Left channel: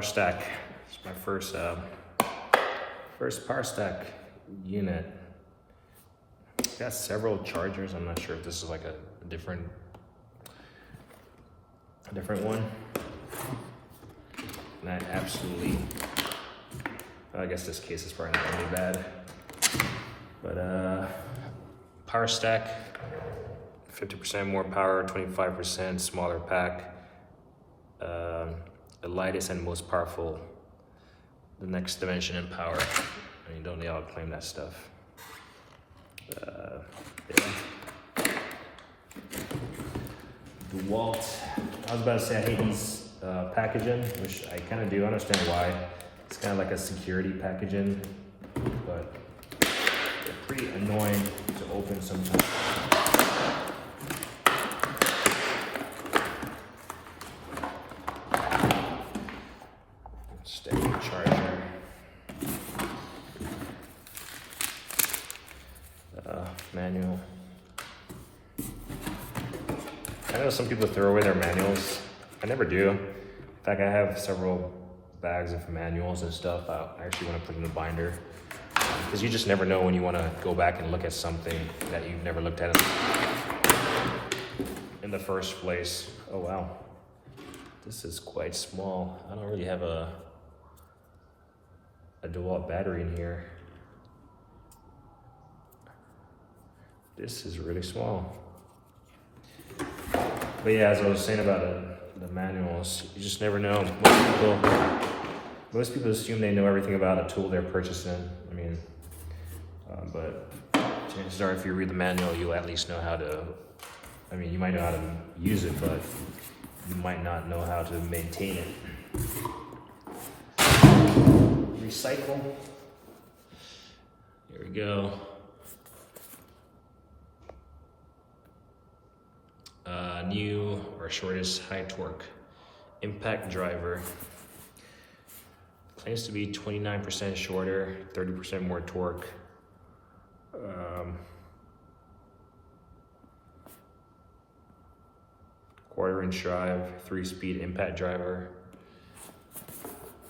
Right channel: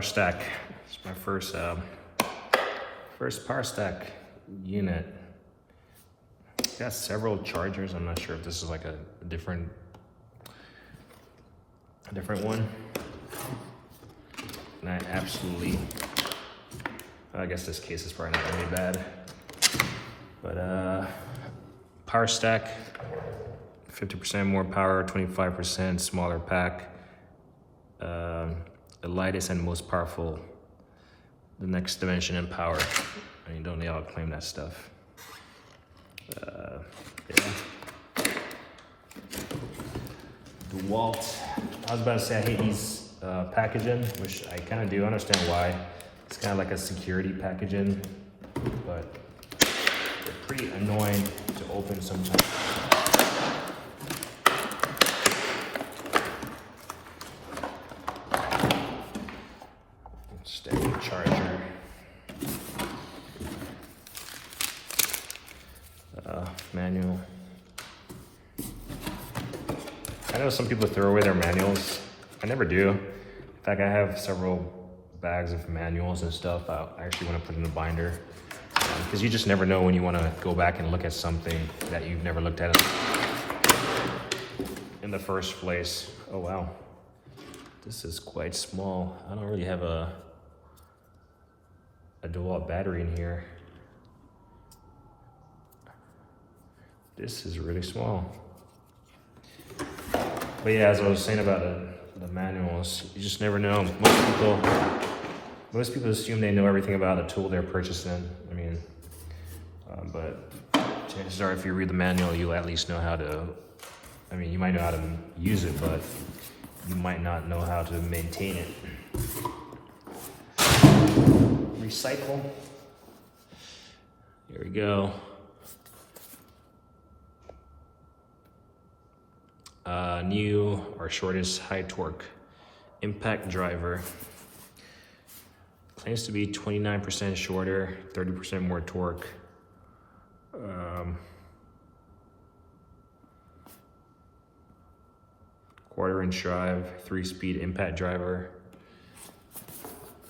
power stack. It's my first power stack unit. It's got several chargers. I'm not sure if this is like a different one. And I absolutely, I guess this case is probably not really bad. But power stack, 50% more power, 25% smaller pack. The lightest and most powerful, the next dimension in power. I mean, don't need to claim that stuff. Yeah. Dewalt. I was about to say I hate these packaging, which I kind of do understand why. It's kind of like a security packaging, but they're pretty annoying to open sometimes. Standard charger. Manual. I know some people throw away their manuals. I never do. In fact, I have several bags of manuals and stuff. I actually want to put in the binder because you just never know when you want to go back and look at something that you've never looked at in the first place. Oh wow, this is quite small. I don't really have a Dewalt battery in here. This is really small. But yeah, as I was saying about the manuals, you just never know. Most people assume they know everything about a tool they're purchasing. I mean, but chances are if you read the manual, you'll at least know how to, I mean, you might know how to use it, but you might not know how to maintain it. Recycle. There we go. New or shortest high torque impact driver. Claims to be 29% shorter, 30% more torque. Quarter-inch drive, 3-speed impact driver.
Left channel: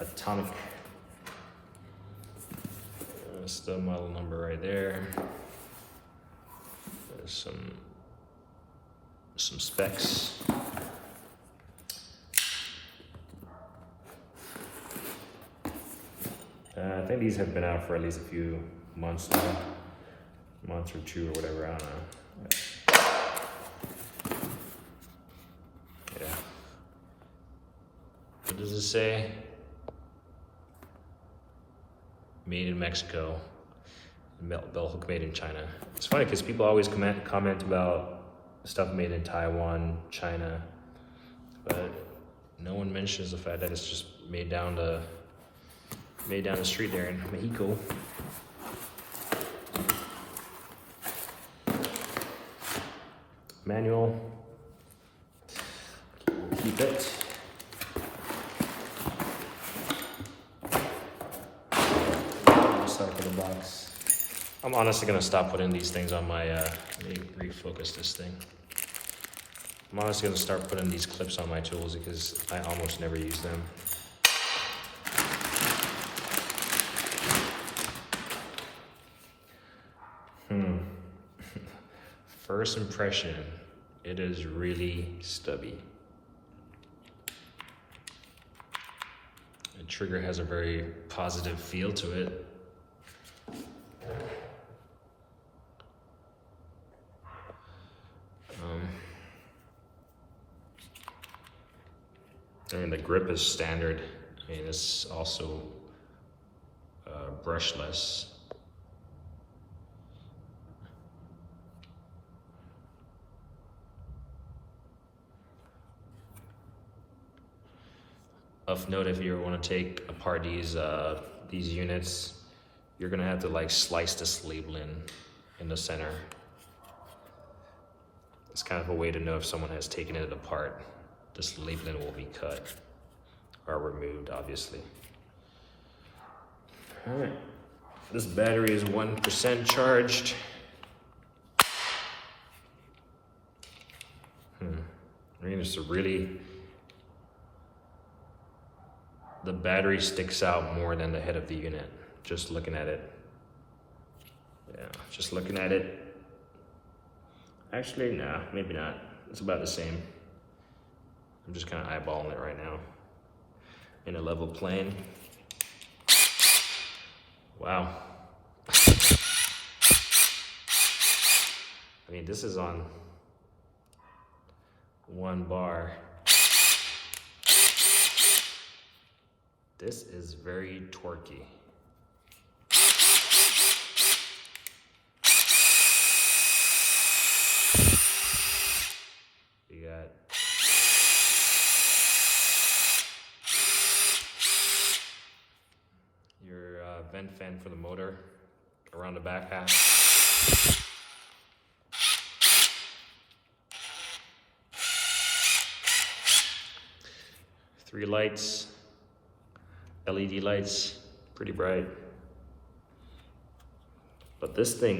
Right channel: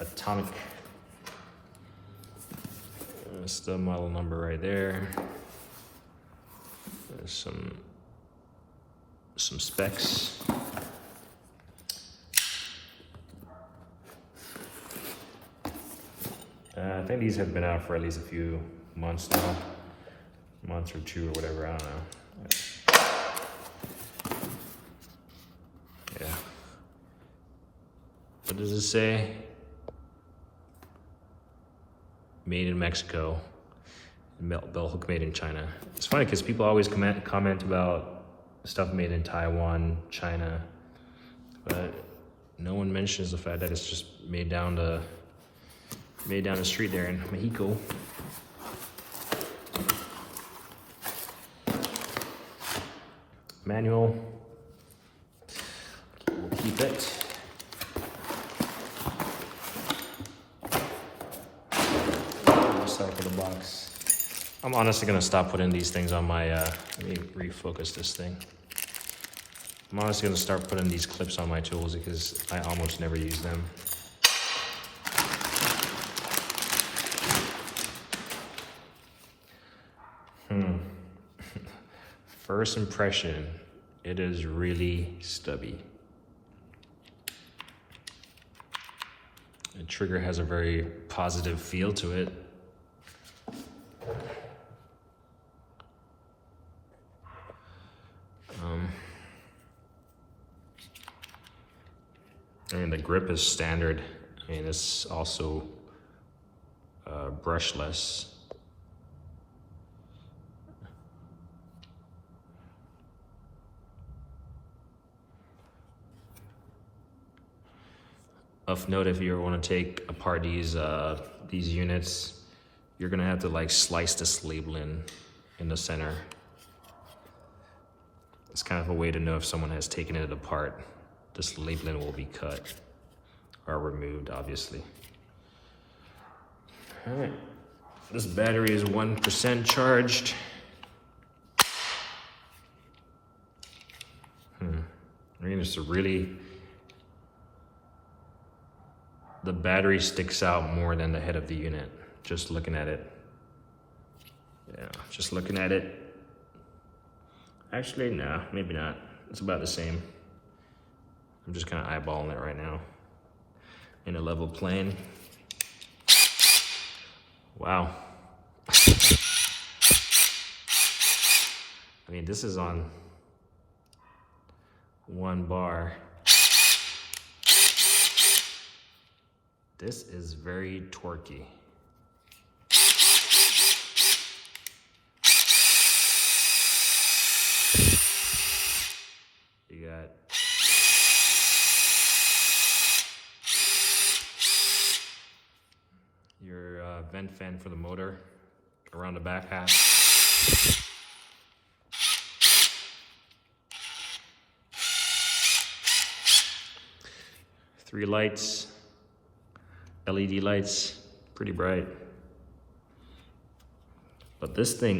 Atomic. That's the model number right there. There's some specs. I think these have been out for at least a few months now. Month or two or whatever, I don't know. Yeah. What does it say? Made in Mexico. Bell hook made in China. It's funny because people always comment about stuff made in Taiwan, China, but no one mentions the fact that it's just made down the street there in Mexico. Manual. We'll keep it. Just open the box. I'm honestly gonna stop putting these things on my, let me refocus this thing. I'm honestly gonna start putting these clips on my tools because I almost never use them. First impression, it is really stubby. The trigger has a very positive feel to it. And the grip is standard, and it's also brushless. Of note, if you want to take apart these units, you're gonna have to like slice this label in the center. It's kind of a way to know if someone has taken it apart. This labeling will be cut or removed, obviously. All right, this battery is 1% charged. I mean, it's a really the battery sticks out more than the head of the unit, just looking at it. Yeah, just looking at it. Actually, no, maybe not. It's about the same. I'm just kind of eyeballing it right now in a level plane. Wow. I mean, this is on 1 bar. This is very torquey. You got your vent fan for the motor around the back half. 3 lights, LED lights, pretty bright. But this thing,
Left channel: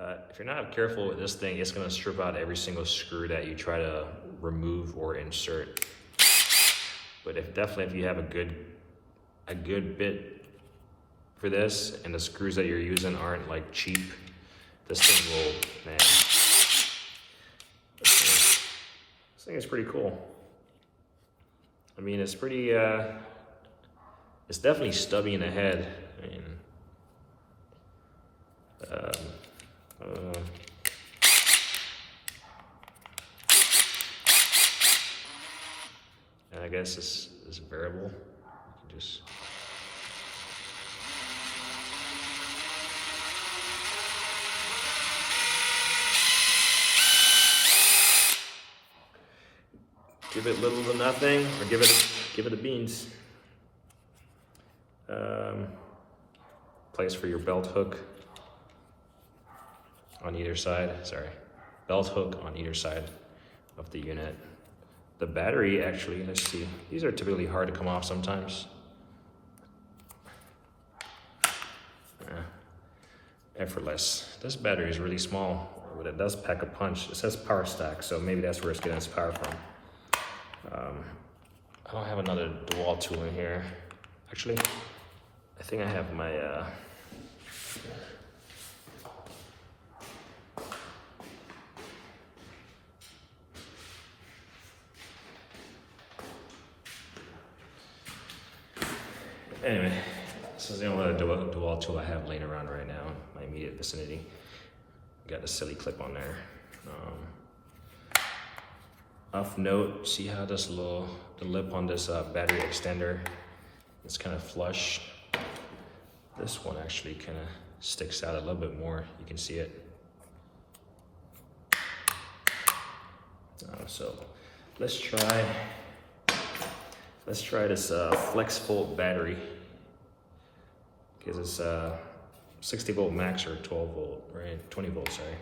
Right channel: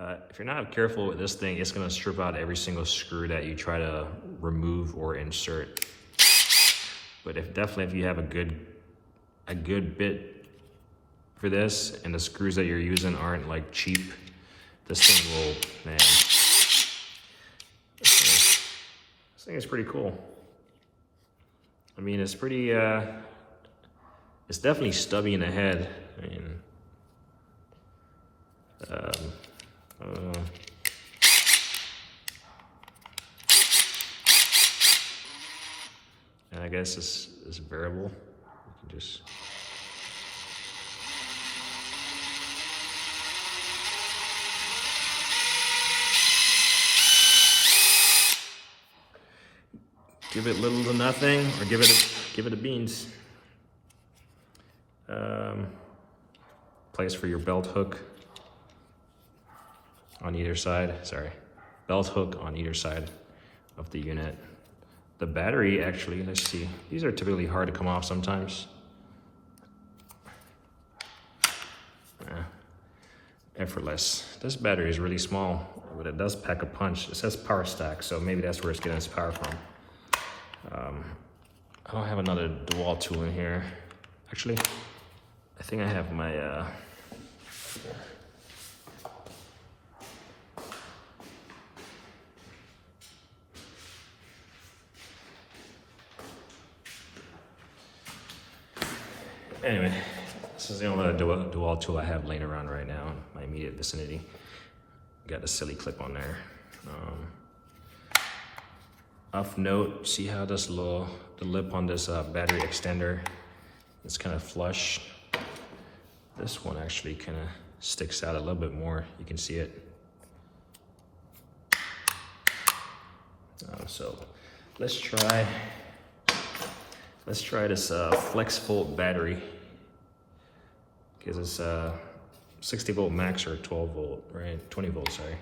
if you're not careful with this thing, it's gonna strip out every single screw that you try to remove or insert. But if you have a good bit for this, and the screws that you're using aren't like cheap, this thing will, man. This thing is pretty cool. I mean, it's pretty, it's definitely stubby in the head. I mean, I don't know. And I guess it's variable. You can just give it little to nothing, or give it a beans. Place for your belt hook on either side. Sorry, belt hook on either side of the unit. The battery, actually, let's see. These are typically hard to come off sometimes. Effortless. This battery is really small, but it does pack a punch. It says power stack, so maybe that's where it's getting its power from. I don't have another Dewalt tool in here. Actually, I think I have my anyway, this is the only other Dewalt tool I have laying around right now in my immediate vicinity. Got a silly clip on there. Off note, see how this the lip on this battery extender, it's kind of flush. This one actually kind of sticks out a little bit more. You can see it. So let's try this flexible battery, because it's 60 volt max or 12 volt, right? 20 volts, sorry.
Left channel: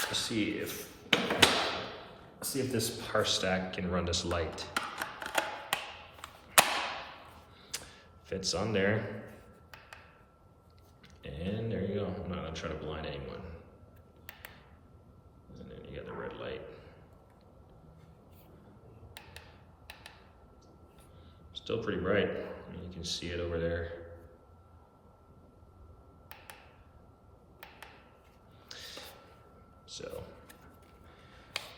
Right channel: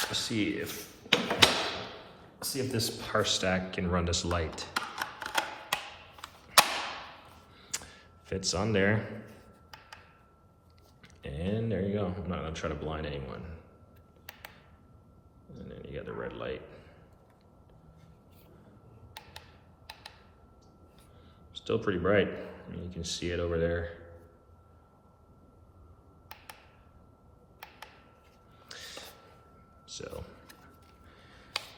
Let's see if this power stack can run this light. Fits on there. And there you go. I'm not gonna try to blind anyone. And then you got the red light. Still pretty bright. You can see it over there. So,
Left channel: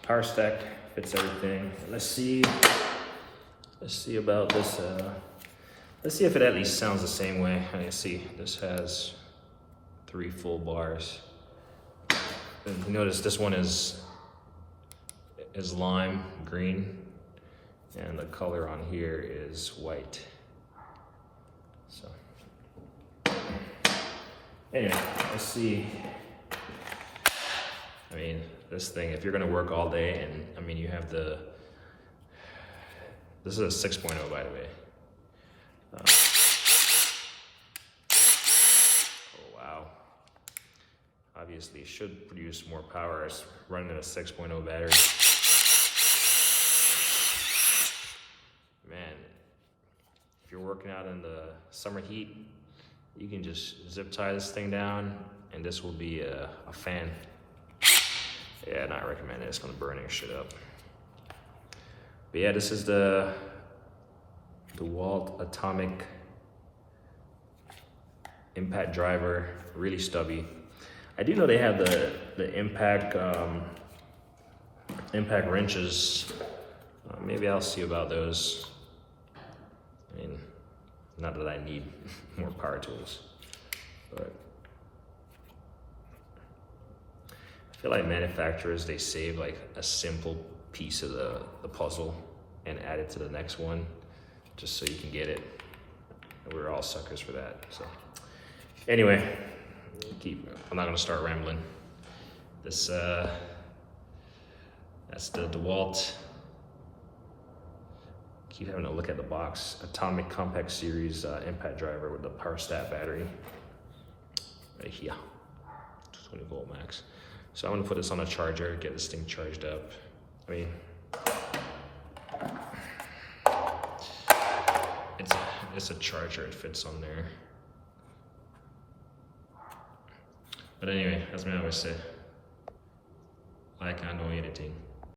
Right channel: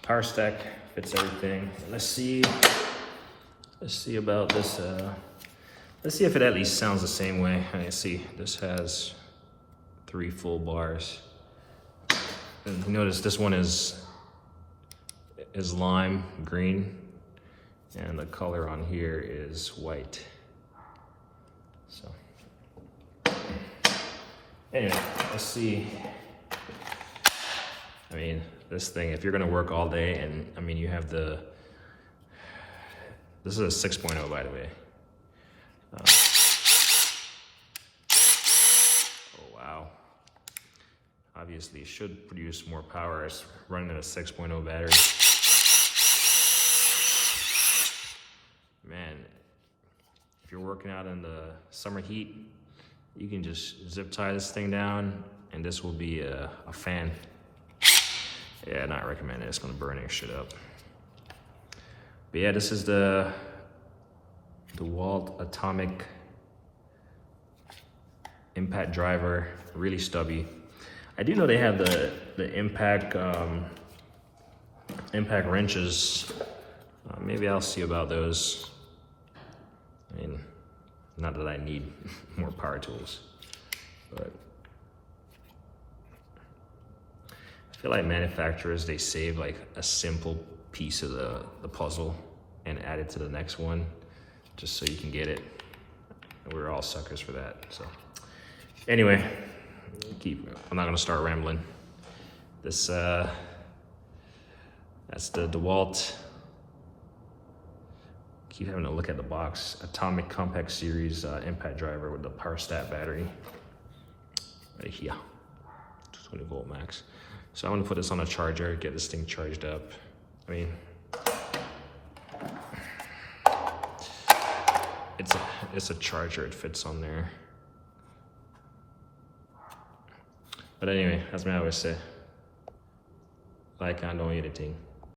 power stack fits everything. Let's see about this. Let's see if it at least sounds the same way. I see this has 3 full bars. And notice this one is lime green, and the color on here is white. So anyway, let's see. I mean, this thing, if you're gonna work all day, and I mean, you have this is a 6.0, by the way. Oh, wow. Obviously, it should produce more power as running a 6.0 battery. Man, if you're working out in the summer heat, you can just zip tie this thing down, and this will be a fan. Yeah, not recommended. It's gonna burn your shit up. But yeah, this is the Dewalt Atomic impact driver, really stubby. I do know they have the impact impact wrenches. Maybe I'll see about those. I mean, not that I need more power tools, but I feel like manufacturers, they save like a simple piece of the puzzle and add it to the next one just so you can get it. We're all suckers for that. So anyway, I'm not gonna start rambling. This that's the Dewalt. Keep having to look at the box. Atomic Compact Series impact driver with the power stat battery. Right here, 20 volt max. So I'm gonna put this on a charger, get this thing charged up. I mean, it's a charger, it fits on there. But anyway, that's what I always say. Like, I don't get a team.